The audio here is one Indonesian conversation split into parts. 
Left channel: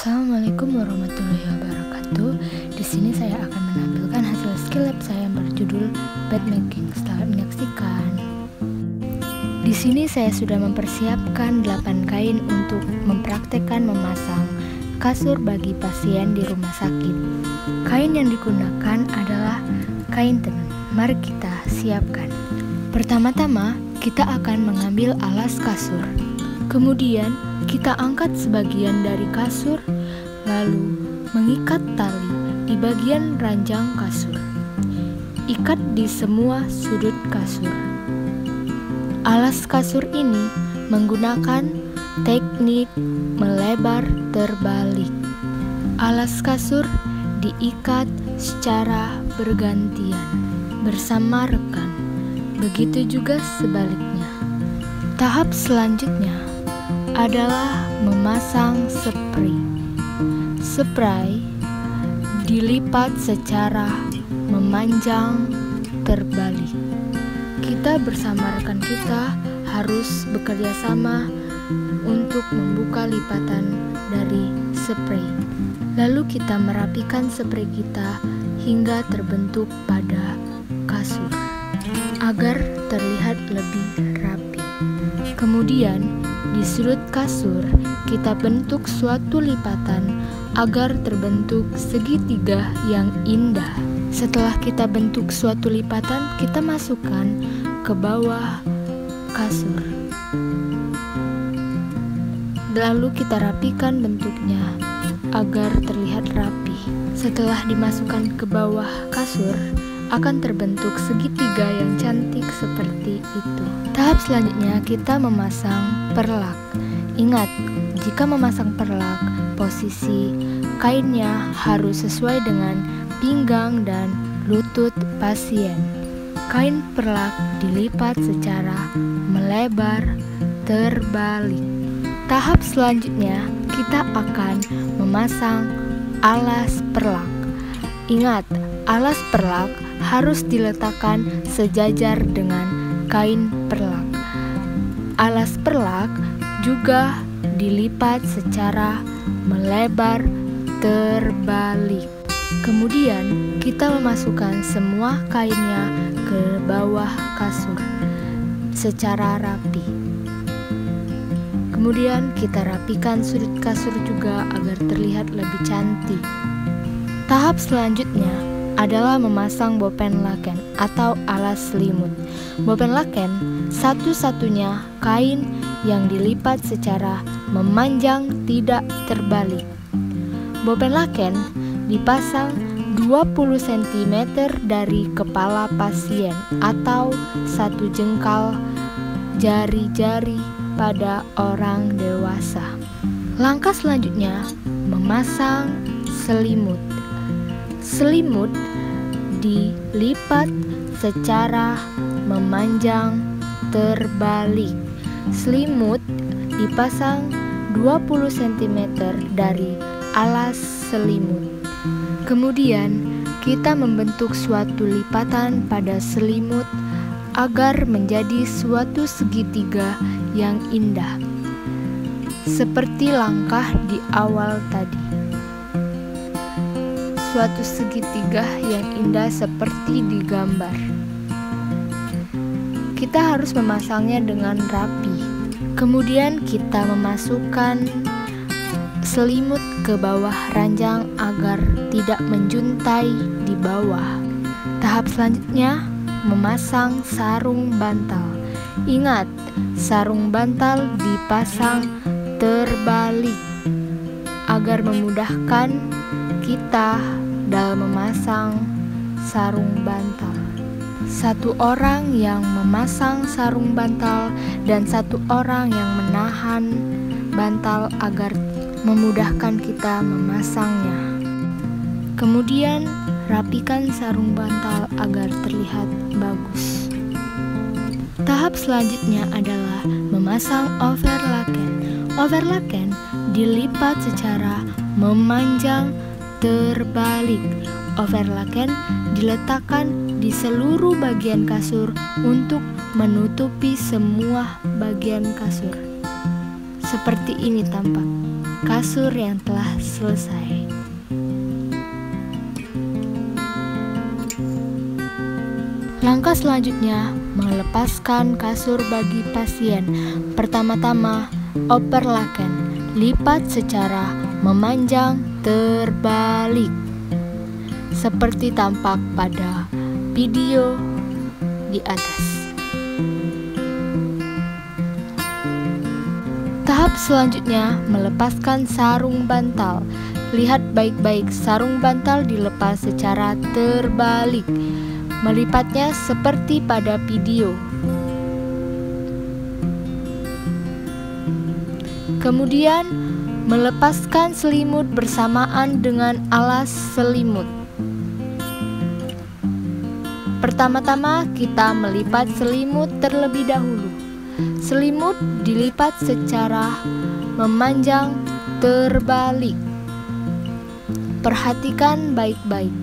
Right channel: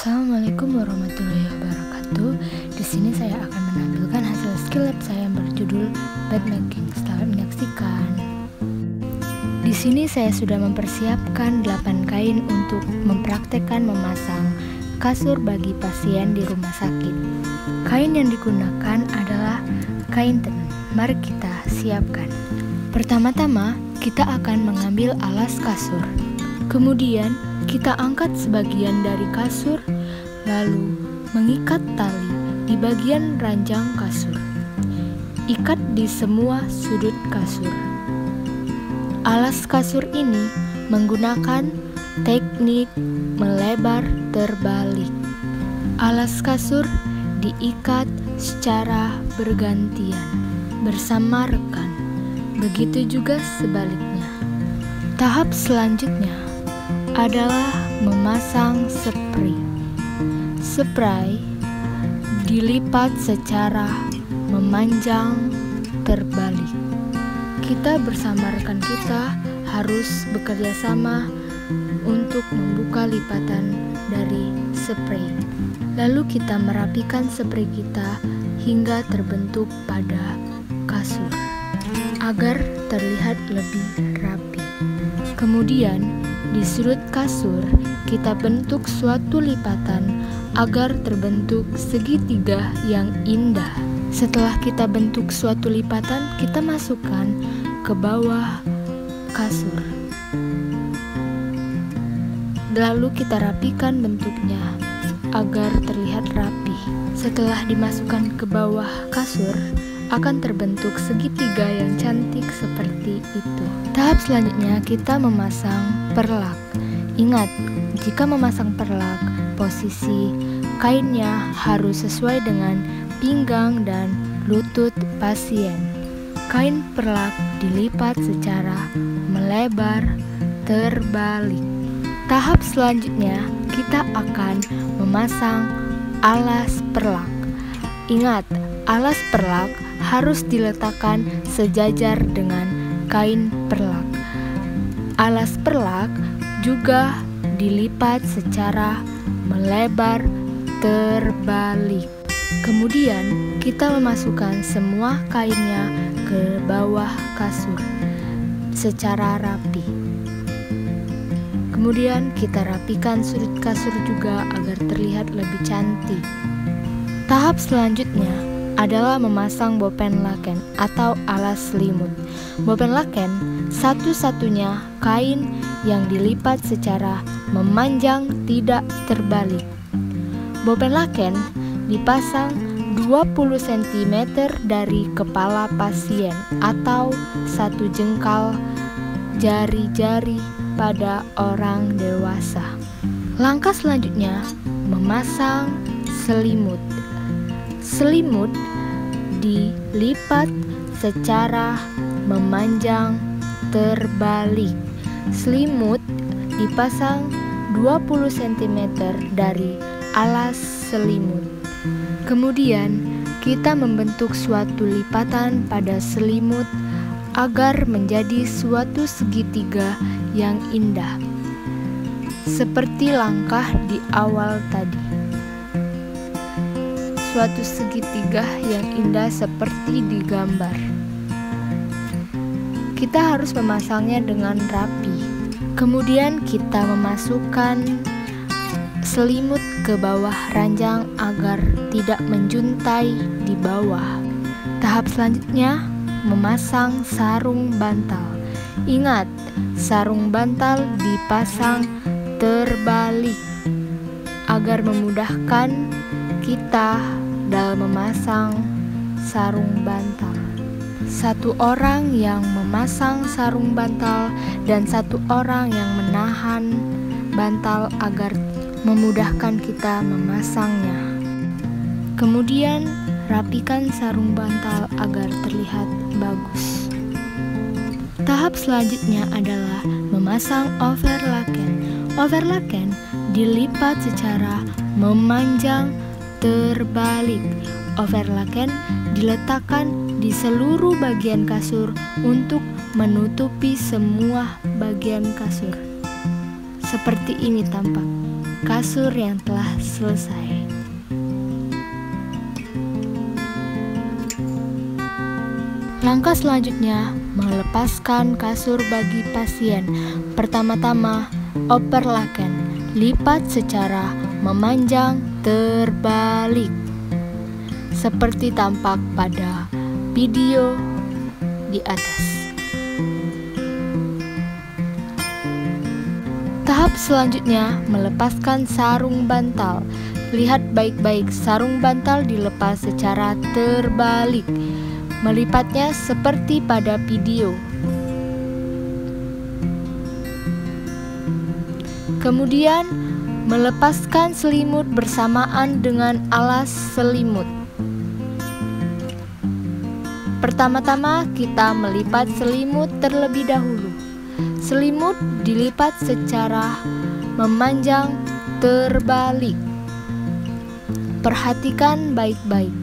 Assalamualaikum warahmatullahi wabarakatuh. Di sini saya akan menampilkan hasil skill lab saya yang berjudul bed making. Selamat menyaksikan. Di sini saya sudah mempersiapkan 8 kain untuk mempraktekkan memasang kasur bagi pasien di rumah sakit. Kain yang digunakan adalah kain tenun. Mari kita siapkan. Pertama-tama, kita akan mengambil alas kasur. Kemudian, kita angkat sebagian dari kasur, lalu mengikat tali di bagian ranjang kasur. Ikat di semua sudut kasur. Alas kasur ini menggunakan teknik melebar terbalik. Alas kasur diikat secara bergantian bersama rekan. Begitu juga sebaliknya. Tahap selanjutnya adalah memasang spray. Spray dilipat secara memanjang terbalik. Kita bersama rekan kita harus bekerja sama untuk membuka lipatan dari spray. Lalu kita merapikan spray kita hingga terbentuk pada kasur agar terlihat lebih rapi. Kemudian di sudut kasur, kita bentuk suatu lipatan agar terbentuk segitiga yang indah. Setelah kita bentuk suatu lipatan, kita masukkan ke bawah kasur. Lalu kita rapikan bentuknya agar terlihat rapi. Setelah dimasukkan ke bawah kasur, akan terbentuk segitiga yang cantik seperti itu. Tahap selanjutnya kita memasang perlak. Ingat, jika memasang perlak, posisi kainnya harus sesuai dengan pinggang dan lutut pasien. Kain perlak dilipat secara melebar terbalik. Tahap selanjutnya kita akan memasang alas perlak. Ingat, alas perlak harus diletakkan sejajar dengan kain perlak. Alas perlak juga dilipat secara melebar terbalik. Kemudian kita memasukkan semua kainnya ke bawah kasur secara rapi. Kemudian kita rapikan sudut kasur juga agar terlihat lebih cantik. Tahap selanjutnya adalah memasang bopen laken atau alas selimut. Bopen laken satu-satunya kain yang dilipat secara memanjang tidak terbalik. Bopen laken dipasang 20 cm dari kepala pasien atau 1 jengkal jari-jari pada orang dewasa. Langkah selanjutnya memasang selimut. Selimut dilipat secara memanjang terbalik. Selimut dipasang 20 cm dari alas selimut. Kemudian kita membentuk suatu lipatan pada selimut agar menjadi suatu segitiga yang indah, seperti langkah di awal tadi. Suatu segitiga yang indah seperti di gambar. Kita harus memasangnya dengan rapi. Kemudian kita memasukkan selimut ke bawah ranjang agar tidak menjuntai di bawah. Tahap selanjutnya memasang sarung bantal. Ingat, sarung bantal dipasang terbalik agar memudahkan kita dalam memasang sarung bantal. Satu orang yang memasang sarung bantal dan satu orang yang menahan bantal agar memudahkan kita memasangnya. Kemudian rapikan sarung bantal agar terlihat bagus. Tahap selanjutnya adalah memasang overlaken. Overlaken dilipat secara memanjang terbalik. Overlaken diletakkan di seluruh bagian kasur untuk menutupi semua bagian kasur. Seperti ini tampak. kasur yang telah selesai. Langkah selanjutnya, melepaskan kasur bagi pasien. Pertama-tama, operlaken, lipat secara memanjang terbalik, seperti tampak pada video di atas. Tahap selanjutnya, melepaskan sarung bantal. Lihat baik-baik, sarung bantal dilepas secara terbalik, melipatnya seperti pada video. Kemudian, melepaskan selimut bersamaan dengan alas selimut. Pertama-tama, kita melipat selimut terlebih dahulu. Selimut dilipat secara memanjang terbalik. Perhatikan baik-baik.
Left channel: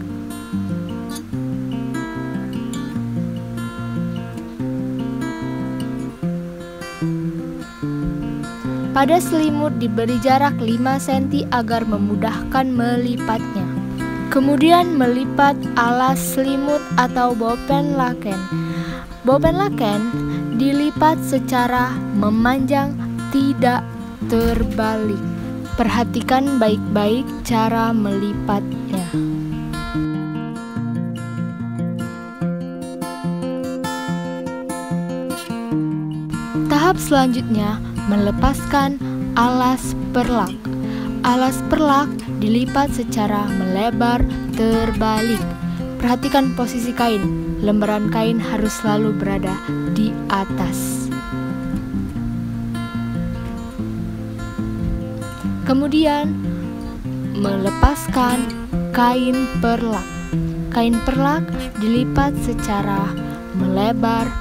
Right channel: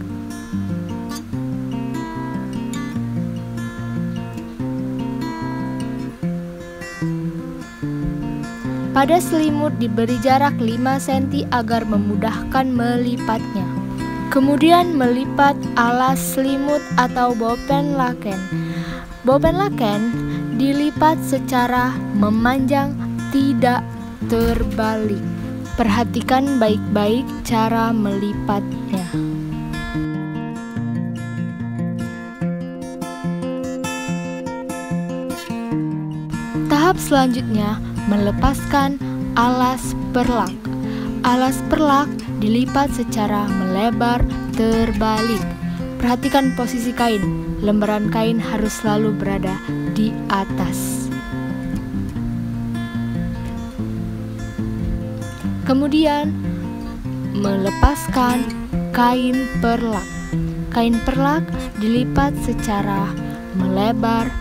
Pada selimut diberi jarak 5 cm agar memudahkan melipatnya. Kemudian melipat alas selimut atau bopenlaken. Bopenlaken dilipat secara memanjang, tidak terbalik. Perhatikan baik-baik cara melipatnya. Tahap selanjutnya, melepaskan alas perlak. Alas perlak dilipat secara melebar terbalik. Perhatikan posisi kain. Lembaran kain harus selalu berada di atas. Kemudian, melepaskan kain perlak. Kain perlak dilipat secara melebar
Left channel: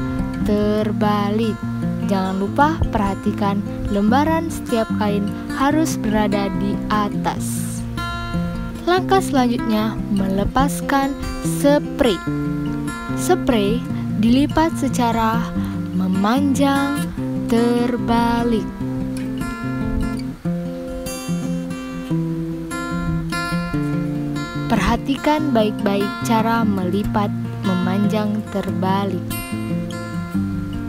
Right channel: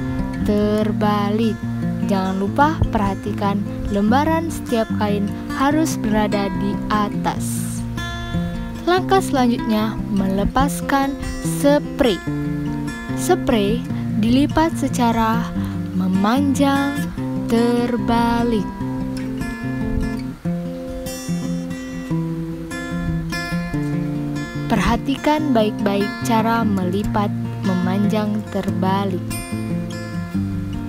terbalik. Jangan lupa perhatikan lembaran setiap kain harus berada di atas. Langkah selanjutnya, melepaskan spray. Spray dilipat secara memanjang terbalik. Perhatikan baik-baik cara melipat memanjang terbalik.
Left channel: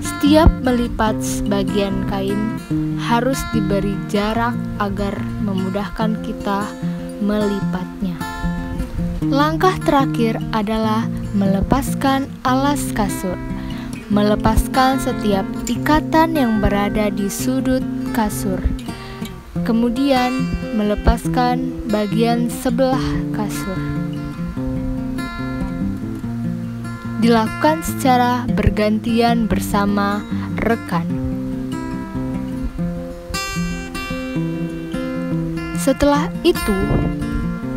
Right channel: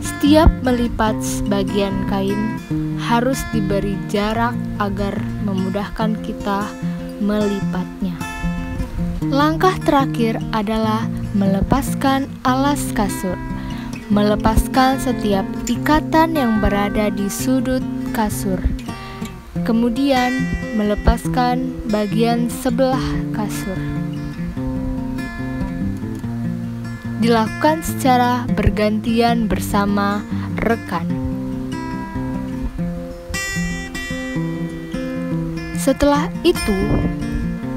Setiap melipat sebagian kain harus diberi jarak agar memudahkan kita melipatnya. Langkah terakhir adalah melepaskan alas kasur. Melepaskan setiap ikatan yang berada di sudut kasur. Kemudian melepaskan bagian sebelah kasur. Dilakukan secara bergantian bersama rekan. Setelah itu,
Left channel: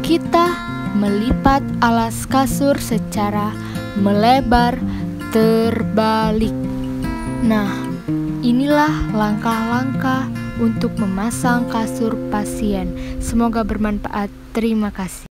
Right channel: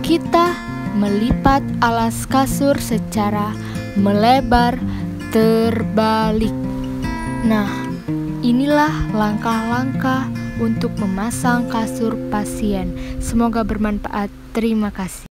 kita melipat alas kasur secara melebar terbalik. Nah, inilah langkah-langkah untuk memasang kasur pasien. Semoga bermanfaat. Terima kasih.